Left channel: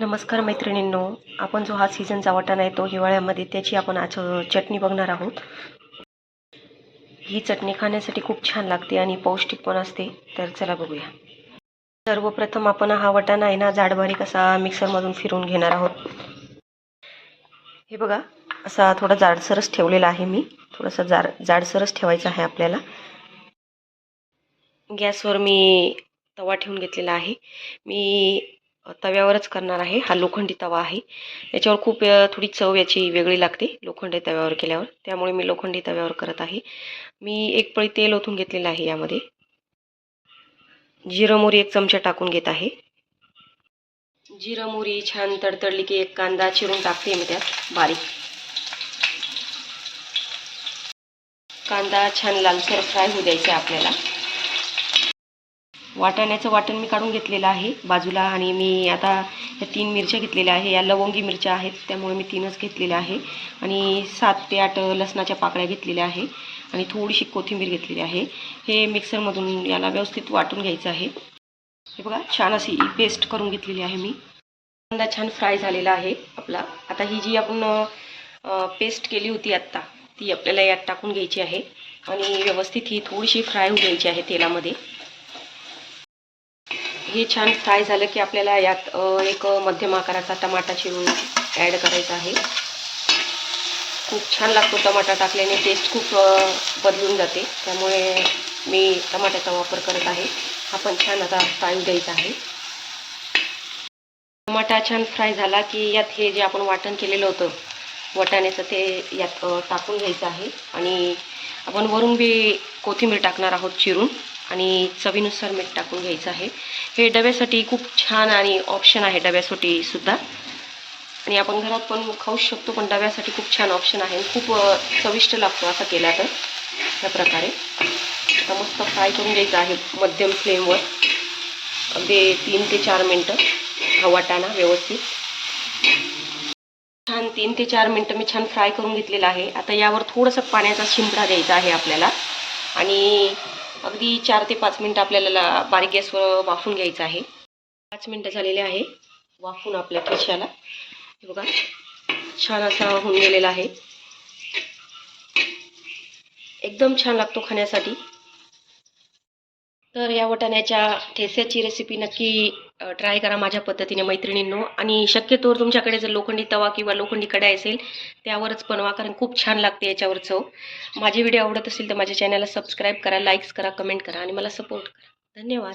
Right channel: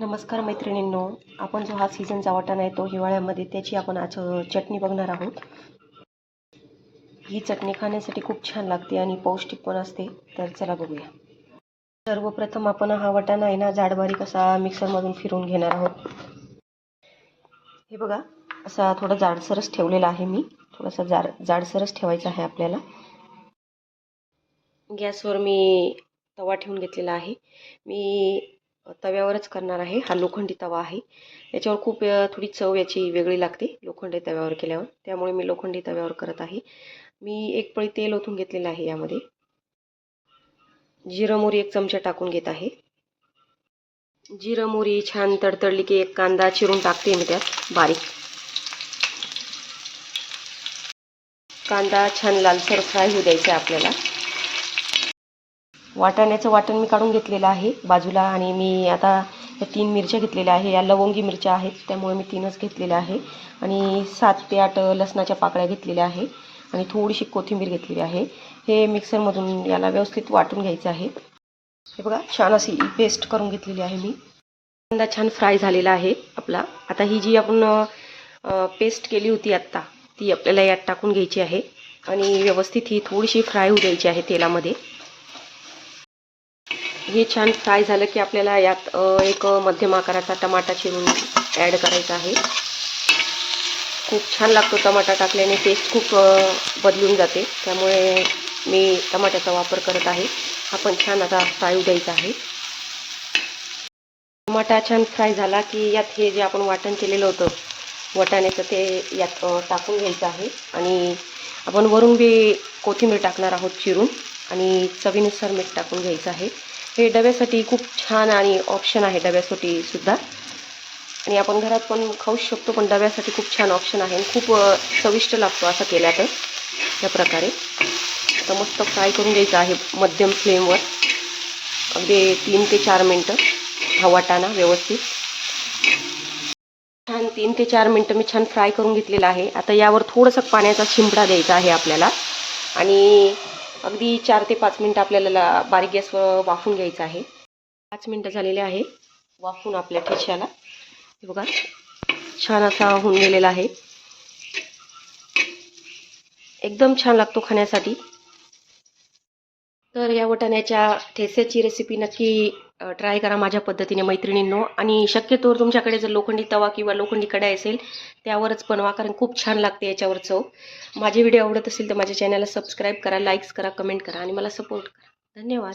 नमस्कार मैत्रिणींनो आपण जो हा सीझनचा वाटाणा आहे तो हिवाळ्यामध्ये त्याची आपण आज चटणी बघणार आहोत. ही चटणी खाण्यासाठी खूप छान लागते आणि पौष्टिक पण असते. तर चला बघूया. सर्वप्रथम आपण हा वाटाणा आहे ना जाडबारीक असा मिक्सरमधून फिरून घेणार आहोत. हे बघा असा थोडा जाडसरच ठेवलेला आहे मी. थोडासा जाड जाडसरच ठेवायचा आहे आपल्याला. गॅसवर मी तवा ठेवून घेतलेला आहे. मी तव्यावरच करणार आहे. हा लोखंडी तवा आहे. याच्यावर खूप थोडी चव याची वेगळी लागते लोखंडी तव्यावर केल्यावर. त्यामुळे मी लोखंडी तव्यावर करत आहे. मी एक पळी तेल ओतून घेतलेलं आहे यामध्ये. जिरं मोरी एक चमचा टाकून घेत आहे. जिरं मोरी छान तडतडली की एक कांदा चिरून टाकते मी त्यात. बारीक. कांदा छान लालसर फ्राय होऊ द्यायचा आहे आपल्याला. वाटाण्याचं वाटण मी काढून घेतलेलं आहे बाजूला आणि मी आता या तीन मिरच्या घेतलेल्या आहे. या लवंगी मिरच्या आहेत त्यामुळे मी तीनच घेतलेल्या आहे. आणि सात ते आठ लसणाच्या पाकळ्या घेतलेल्या आहे. आणि थोडीशी कोथिंबीर घेतलेली आहे. हे मिक्सरमधून याला व्यवस्थित वाटून घ्यायचं आहे. हे बघा छान अशी पेस्ट करून घेतलेली आहे मी. कांदा छान फ्राय झालेला आहे आपला. आता ही जी आपण पेस्ट केली होती आत्ता ती आपल्याला यात टाकून घ्यायची आहे. आणि व्यवस्थित ही थोडीशी फ्राय होऊ द्यायची आहे तेलामध्ये. हे छान फ्राय झालं की आपल्याला यात एक मध्यम आकाराचा टमाटा चिरून ॲड करायचा आहे. खूप छान लागतो टमाटा टाकल्याने टेस्ट खूप बदलून जाते. त्यामुळे मी टमाट्याचा वापर करत आहे. हा पण छान आता फ्राय द्यायचा आहे. टमाटा छान फ्राय झाला की यात हे जे आपण वाटण केलेलं होतं वाटाण्याचं ते यात टाकून घ्यायचं आहे. आणि आपण वरून बी कोथिंबीर टाकणार आहोत चिरून. आणि चवीनुसार मीठ टाकून घ्यायचं आहे. हे डब्यासाठी खूप छान आणि ऑप्शन आहे डब्यासाठी सुद्धा. आणि आपण घरात पण खाऊ शकतो पण डब्यासाठी खूप छान ऑप्शन आहे. खूप चविष्ट लागतो असं केला तर त्या प्रकारे. आता मस्त फ्राय करून घ्यायचं आहे मध्यम फ्लेमवर अगदी तीन ते चार मिनटं. हा वाटाणा व्यवस्थित. छान तीन ते चार मिनटं मी छान फ्राय करून घेतलेला आहे. आता यावर थोडंसं पाण्याचा शिंपडा द्यायचा आहे आपल्याला. आणि अगदी चार ते पाच मिनटं आपल्याला बारीक गॅसवर वाफून घ्यायचं आहे. पाच मिनटं झालेले आहे वाफून आपल्या ठेशाला बघा छान असा होऊन गेलेला आहे. एकदम छान लागतो खाण्यासाठी. तर या वाटाण्याच्या ठेस्याची रेसिपी नक्की ट्राय करा माझ्या पद्धतीने मैत्रिणींनो. आणि शक्यतोवर तुमच्याकडे जर लोखंडी तवा किंवा लोखंडी कढाई असेल त्यावरच बनवा कारण खूप छान लागते याच्यावर चव. माझे व्हिडिओ आवडत असेल तर माझ्या चॅनलला सबस्क्राईब करा लाईक्स करा कमेंट करा आणि मला सपोर्ट करा. धन्यवाद.